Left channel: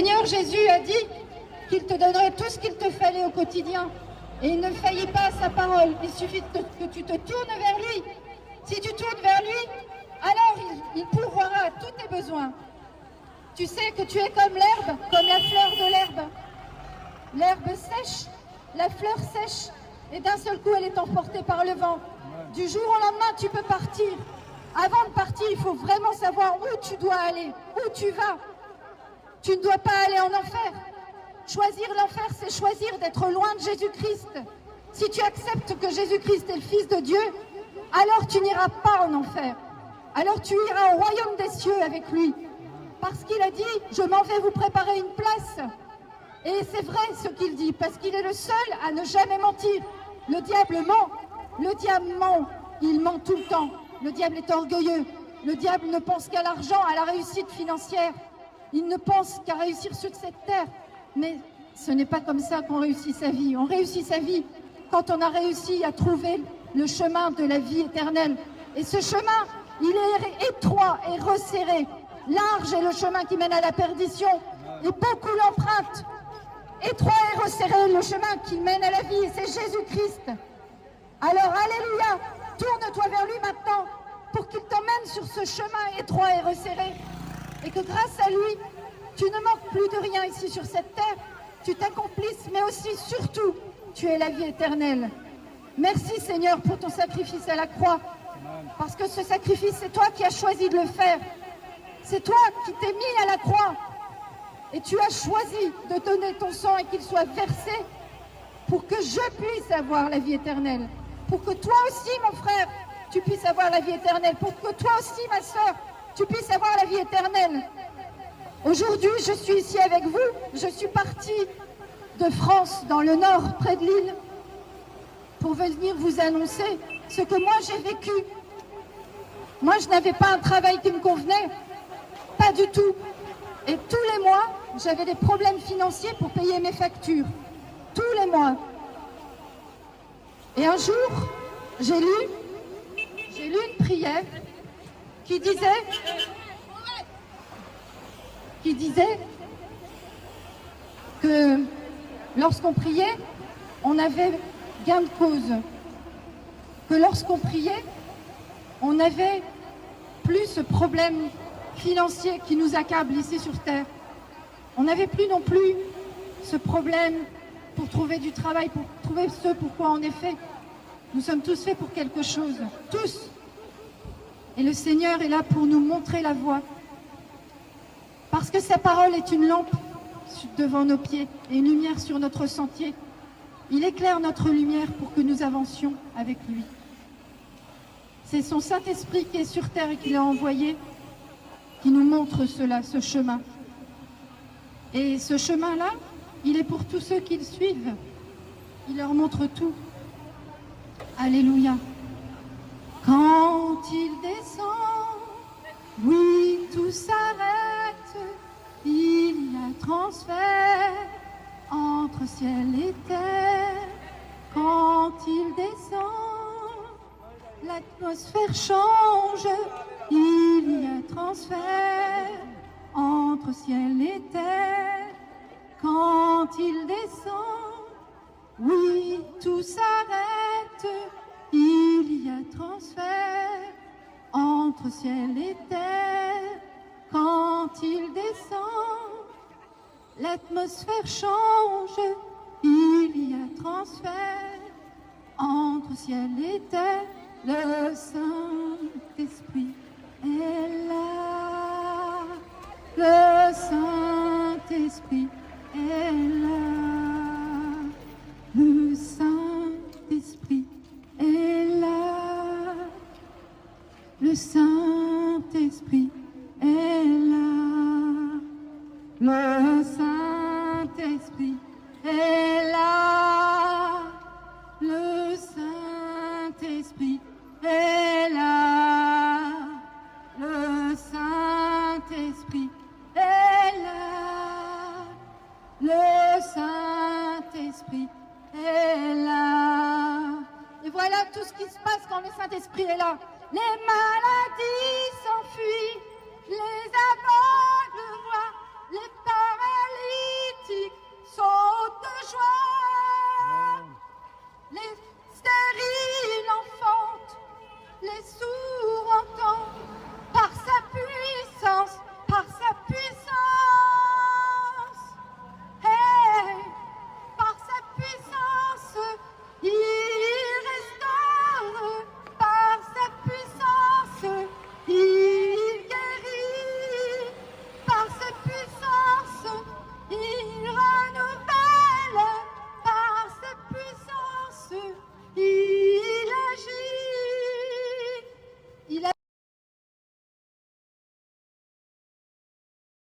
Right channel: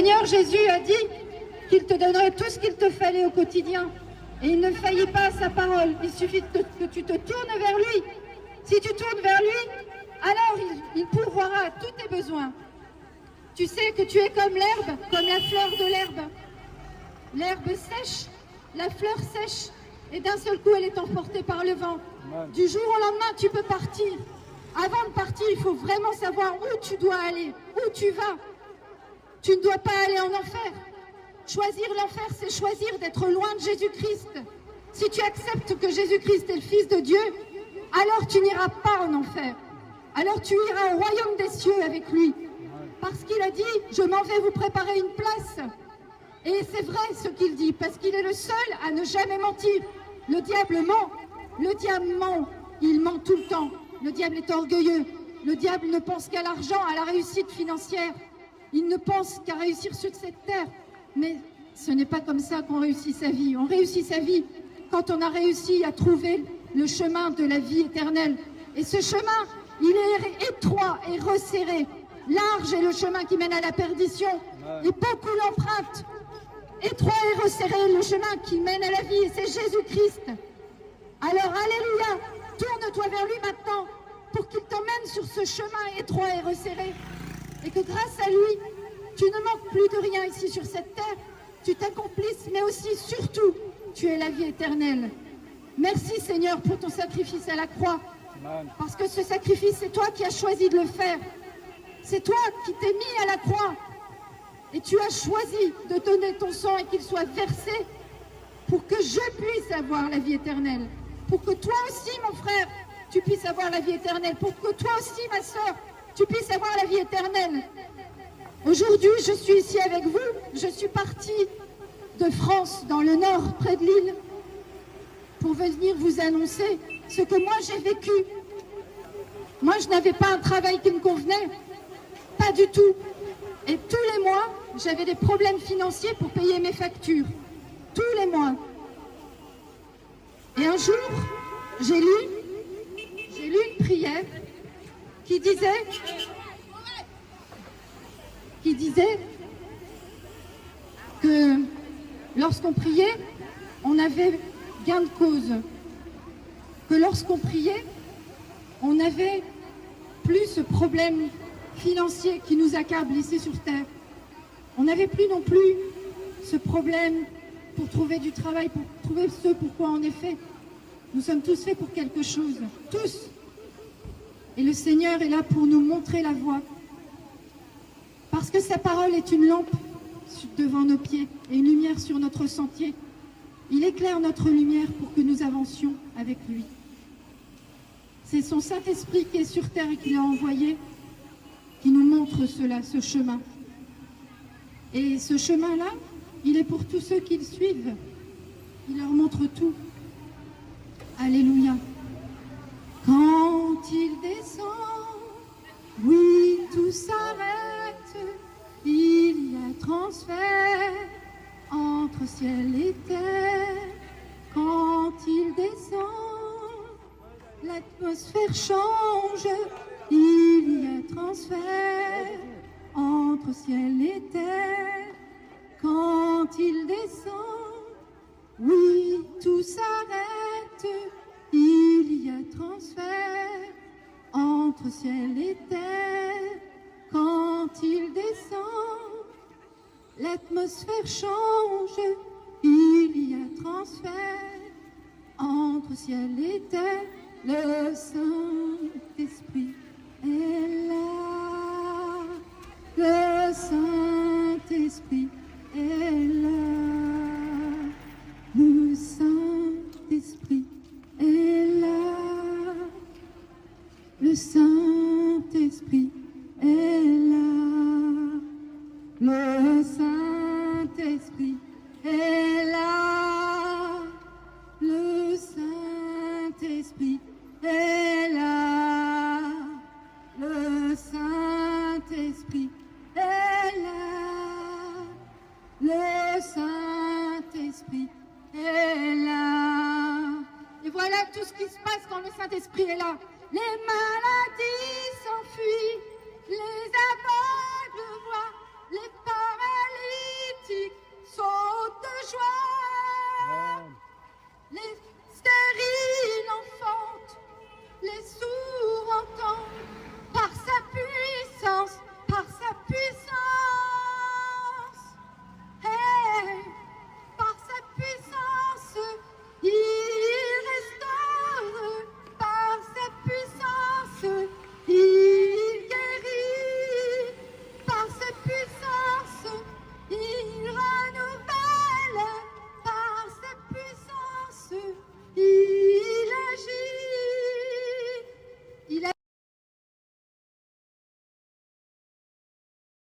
Seigneur Jésus a dit qu'il te donnerait tout ce qu'il te fallait au quotidien. Et il ne faillit pas à sa parole. Il suffit que tu te tournes vers lui. Si tu tournes vers lui, alors il pourvoira à tous tes besoins. Tu sais que tu es comme l'herbe, comme la fleur de l'herbe. L'herbe sèche, la fleur sèche, et d'un seul coup elle est emportée par le vent. Du jour au lendemain, tu peux partir. Avant de partir, il faut vraiment savoir où tu dois aller, où tu vas. Tu ne dois pas aller en enfer. Choisir l'enfer, c'est choisir d'être loin de Jésus-Christ. Si tu acceptes que Jésus-Christ est le Fils de Dieu, alors tu n'iras pas en enfer. Alors tu iras au royaume des cieux avec lui. Parce qu'il a dit, je m'en vais vous préparer une place. Et c'est vrai ce qu'il dit, parce qu'il est le seul à ne jamais mentir. Le diable ment. Le diable ment. Il ment tout le temps. Le diable est orgueilleux. Le diable ne pense qu'à l'argent, à la réussite financière. Il ne pense qu'à réussir sur cette terre. Mais ce n'est pas comme ça qu'on réussit sa vie. On réussit sa vie quand on a réussi à trouver le chemin de la vie éternelle. Et ce chemin, il est étroit et resserré. Large est le chemin qui mène à la perdition. Et beaucoup l'empruntent. Étroit et resserré le chemin qui mène à la vie. Et c'est Jésus-Christ. Alors, alléluia, tourne-toi vers lui maintenant pour qu'il t'emmène sur ce chemin étroit et resserré. Et que grâce à lui, tu ne manques plus de rien ici sur cette terre. Tu t'accomplisses, mais aussi, surtout, tu es la vie éternelle. Merci Seigneur pour ton sacrifice à la croix. Parce que ce sacrifice, c'est toi qui as choisi de le faire. C'est toi qui t'es mis à la croix. Et tu as choisi de donner ton sang et qu'il soit versé pour que je puisse avoir la vie éternelle. Pour que toi aussi, mon frère, tu puisses avoir la vie éternelle. Pour que toi aussi, ma sœur, tu puisses avoir la vie éternelle. Aujourd'hui, je suis ici avec vous. Je suis partie de France, dans le nord, près de Lille, pour venir vous annoncer ce que moi j'ai vécu. Moi, je n'avais pas un travail qui me convenait, pas du tout. Et tous les mois, j'avais des problèmes financiers pour payer mes factures. Tous les mois. Et un jour, j'ai lu une prière qui disait que lorsqu'on priait, on avait gain de cause. Que lorsqu'on priait, on n'avait plus ce problème financier qui nous accable ici sur Terre. On n'avait plus non plus ce problème pour trouver du travail, pour trouver ce pourquoi on est fait. Nous sommes tous faits pour quelque chose, tous. Et le Seigneur est là pour nous montrer la voie. Parce que sa parole est une lampe devant nos pieds et une lumière sur notre sentier. Il éclaire notre lumière pour que nous avancions avec lui. C'est son Saint-Esprit qui est sur terre et qui l'a envoyé, qui nous montre cela, ce chemin. Et ce chemin-là, il est pour tous ceux qui le suivent. Il leur montre tout. Alléluia. Quand il descend, oui, tout s'arrête. Il y a transfert entre ciel et terre. Quand il descend, l'atmosphère change. Il y a transfert entre ciel et terre. Quand il descend, oui, tout s'arrête. Il y a transfert entre ciel et terre. Quand il descend, l'atmosphère change. Il y a transfert entre ciel et terre. Le Saint-Esprit est là. Le Saint-Esprit est là. Le Saint-Esprit est là. Le Saint-Esprit est là. Le Saint-Esprit est là. Le Saint-Esprit est là. Le Saint-Esprit est là. Le Saint-Esprit est là. Et voilà tout ce qui se passe quand le Saint-Esprit est là. Les maladies s'enfuient. Les